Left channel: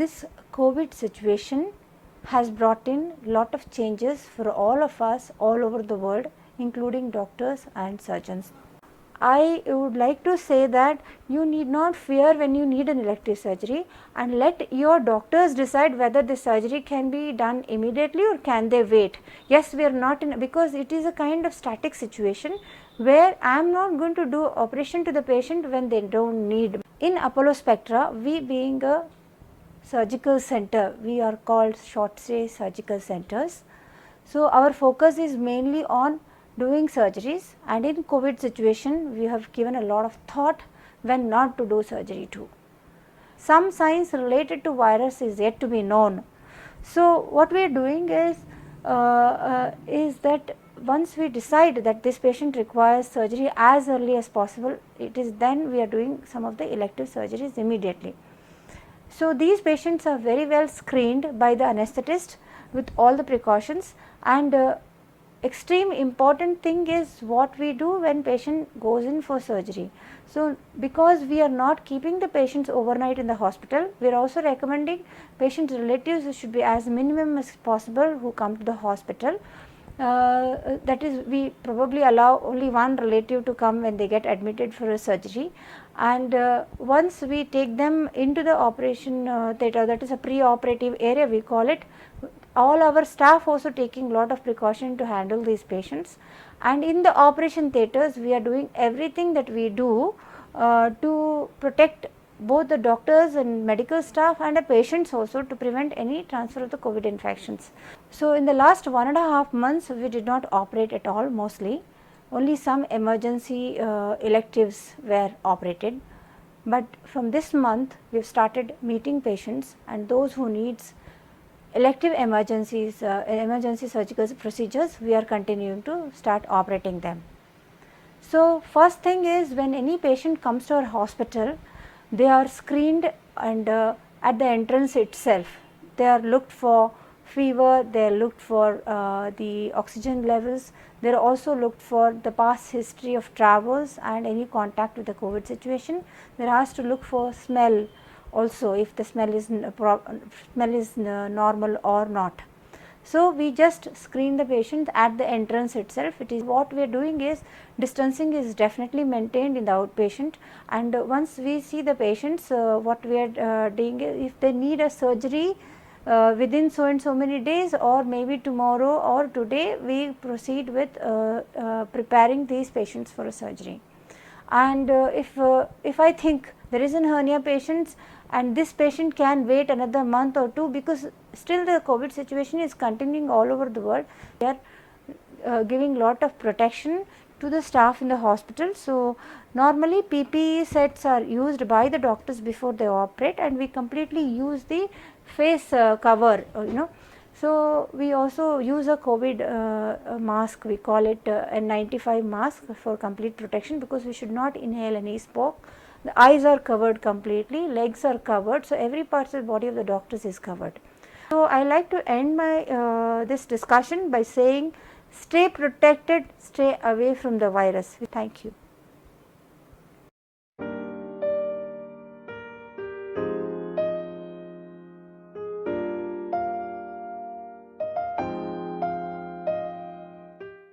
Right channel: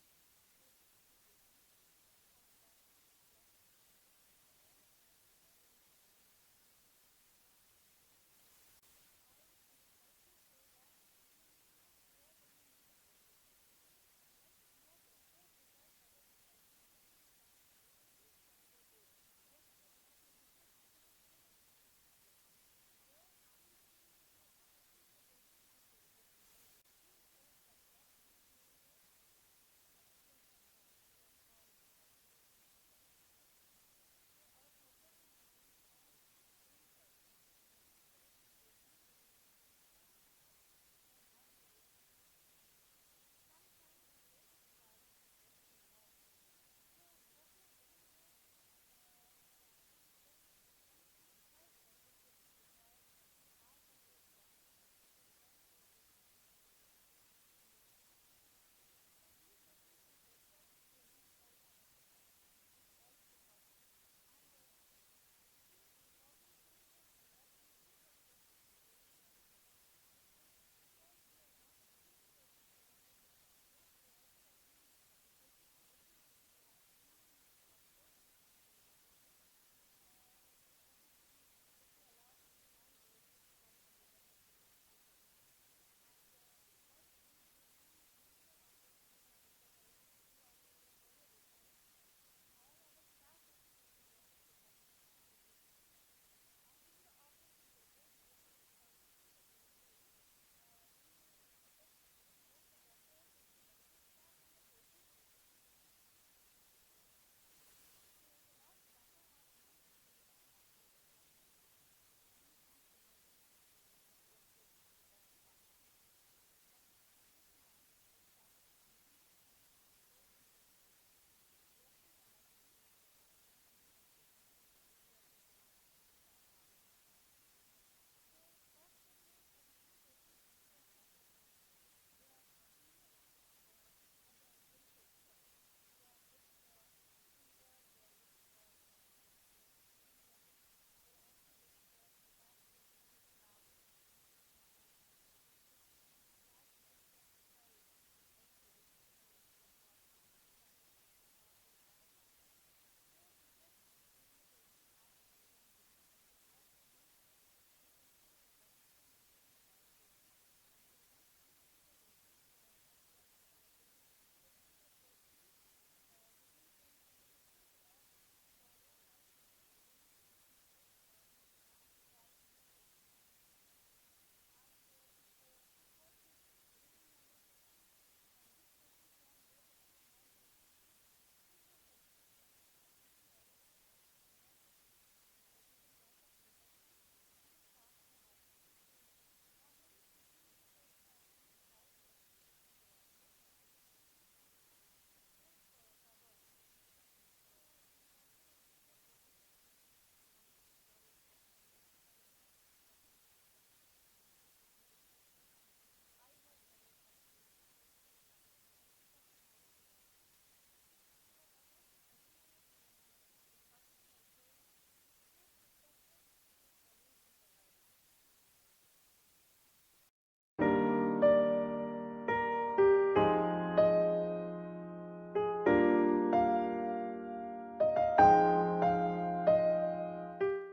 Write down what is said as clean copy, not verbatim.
This COVID situation has brought in lot of changes for all of us all over the world, including doctors and surgeons. I would like to say that you need not fear when you need an elective surgery, and let your doctors decide whether the surgery can be done immediately or can they wait. Yes, we are not in, because it is a kind of static situation where I am not going to do operation to the patient when they do not need. In Apollo Spectra, we being a surgical center, we are called short stay surgical centers. So, our focus is mainly on doing surgeries, and in COVID situation we have given a lot of thought when not to do surgery too. Some science related to virus is yet to be known. So, what we are doing is that once we decide that this patient requires surgery as early as possible, it is then we are doing some of the elective surgeries immediately. So, these patients are very well screened by the anesthetist with all the precautions, and extreme important thing is what we do when patient goes in for surgery. So, because we are not keeping the patients overnight in the hospital, we are also recommending patients' relatives should be as minimum as possible who come to the hospital. That is, we probably allow only one relative to come when they get admitted for a surgery, and once we take them into the operation theatre, that is a pre-operative area we call it, all our staff also taking lot of precaution to handle these patients, and in the operation theatres we are doing everything that we do to protect both the doctors and medical staff and the patients also, to prevent any transfer of the COVID infections. So, in the last 1.5 months we did not operate at all, mostly only some emergency electives were operated, but from this month we have started meeting patients, and those who needs elective emergencies, emergency surgical procedures, we are continuing to start operating them. So, first thing is, when any patient comes to our hospital, they are screened, and at the entrance itself they are looked for fever, they are looked for the oxygen levels, they are also looked for the past history of travels and any contact with the COVID situation. They are asked to look for smell also, if the smell is normal or not. So, we just screen the patient at the entrance itself. It is what we are doing is, distancing is definitely maintained in the outpatient, and once we see the patients, what we are doing is, if they need a surgery within so and so many days, or maybe tomorrow or today, we proceed with preparing these patients for a surgery. And if I think there is an hernia patients, and this patient can wait another month or two, because still the COVID situation is continuing all over the world, we are giving lot of protection to the staff in the hospital. So, normally PPE sets are used by the doctors before they operate, and we completely use the face cover, So, we also use a COVID mask, we call it N95 mask for complete protection, because we should not inhale any smoke. The eyes are covered completely, legs are covered, so every part of the body of the doctors is covered. So, I like to end my this discussion by saying, stay protected, stay away from the virus. Thank you.